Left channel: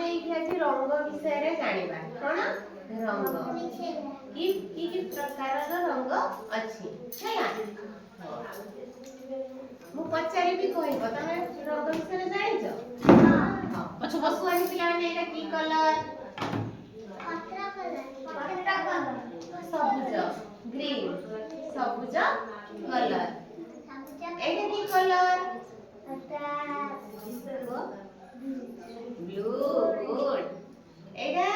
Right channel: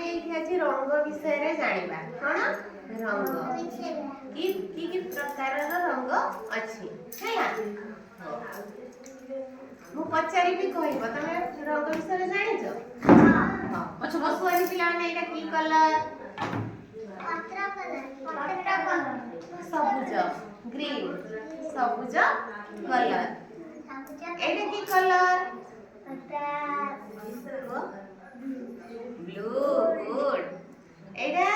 आमे एठी अछि रंग विषय रे जानिबा कोन रंग की प्रकार रंग अछि हैला मु पचारि भी कहइबो तमे रंग विषय रे जानिछो हां अच्छा बस कोइ पिला ने एटा की कलर पत्रा कलर सबुज ग्रीन सबुज कलर एटा की कलर ब्लू गुड एटा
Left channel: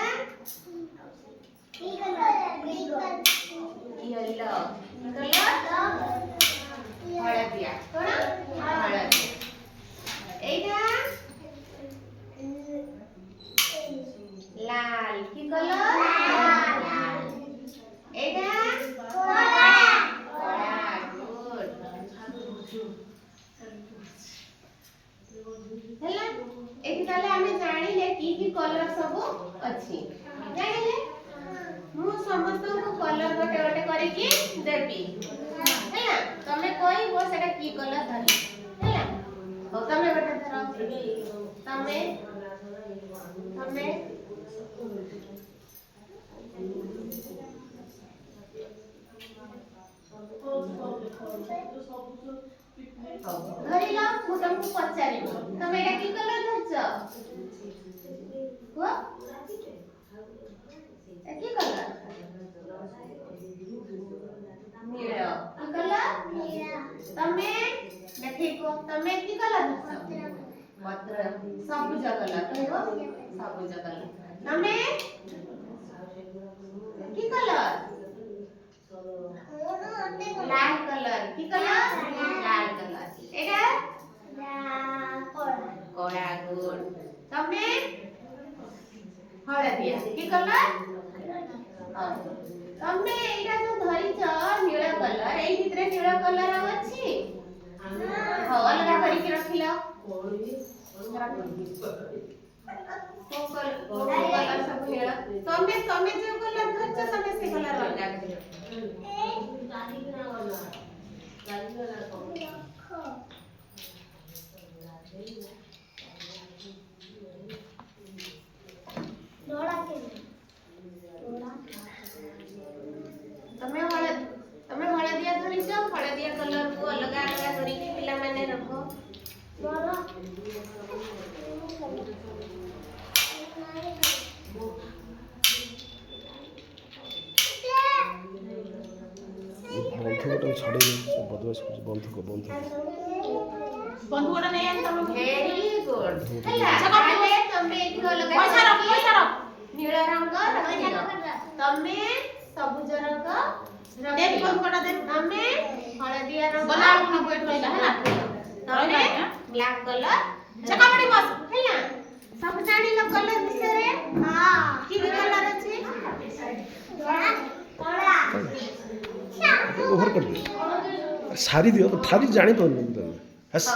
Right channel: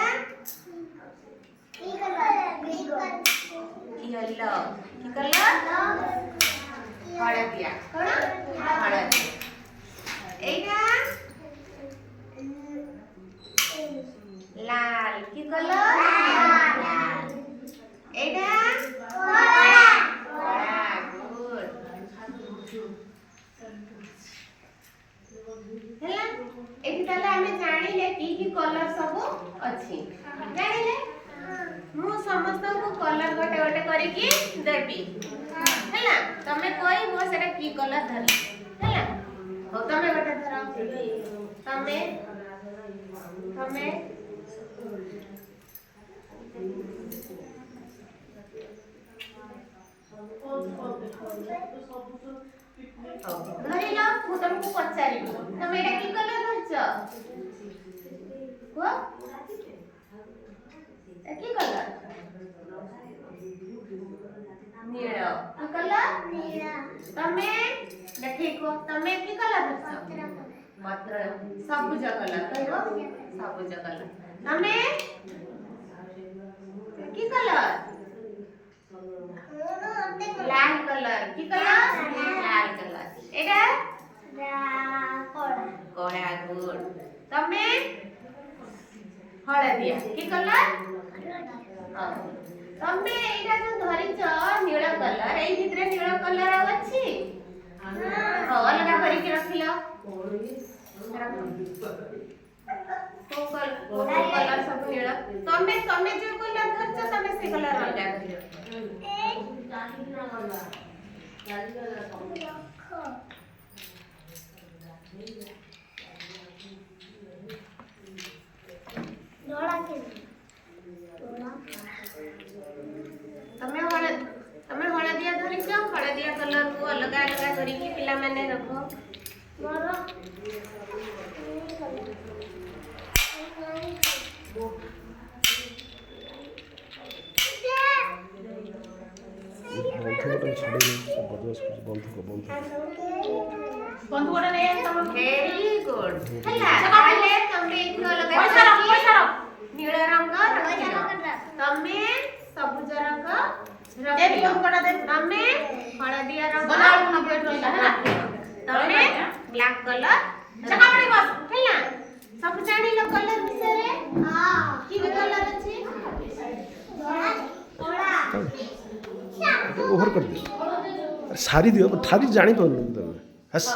की कलर येलो की कलर हळदिया कोन हळदी एटा लाल की कलर लाल एटा कला गुड ହେଲା ଏଠି ତାହେଲେ ଆମେ ଜାଣିଲେ କି କଲର ସବୁ ଅଛି ଜାଣିଲେ ମୁଁ ସମସ୍ତଙ୍କୁ କଲର ଗୋଟେ ଗୋଟେ କରିକି ଦେବି ହେଲା ତମେ କହିବ ସେଟା କି କଲର ଧରି ହେଲା ହଉ ତମେ ଗୋଟେ ଧର ତମେ ତମେ ଧରିଲ ମୁଁ ତମକୁ ପଚାରିବି ତମେ ଏଟା କି କଲର ଧରିଛ କୁହ কি কলর নীল কি কলর নীল তুমি দেখেইকো তুমি কি কলর ধরছো পত্র সবুজ কলর কইবো সবুজ কলর তুমি কি কলর লাল কলর কি কলর লাল কলর এটা কড়া গুড তুমি हळदिया की कलर तमे एटा जो धरिच नील कलर एई भितरे नील कलर आ अछि हां अलगा करी के रखिलो कलर सब नील तमे तमे जे कलर धरिच तमे से कलर अलगा करियो तमे हळदिया धरिछ हळदिया कलर को अलग अलग करी की पिला माने रखो बंधुकटा छाड़ी सब बदमाश कुछ बंधुक बंधुकटा नै तम वेरी गुड हला ताले तमे इथो लगा पैसा रख नील रंग रखिलो तमे सबुज रंग रखिलो तमे हळदिया रंग रखिलो तमे ब्लैक कलर चका पड़ी बस हला सब जानिलो कलर विषय रे हां की कलर अछि कोड़ा ओवर कर दियो सारी दियो ठारी जानी पाउन तमे हस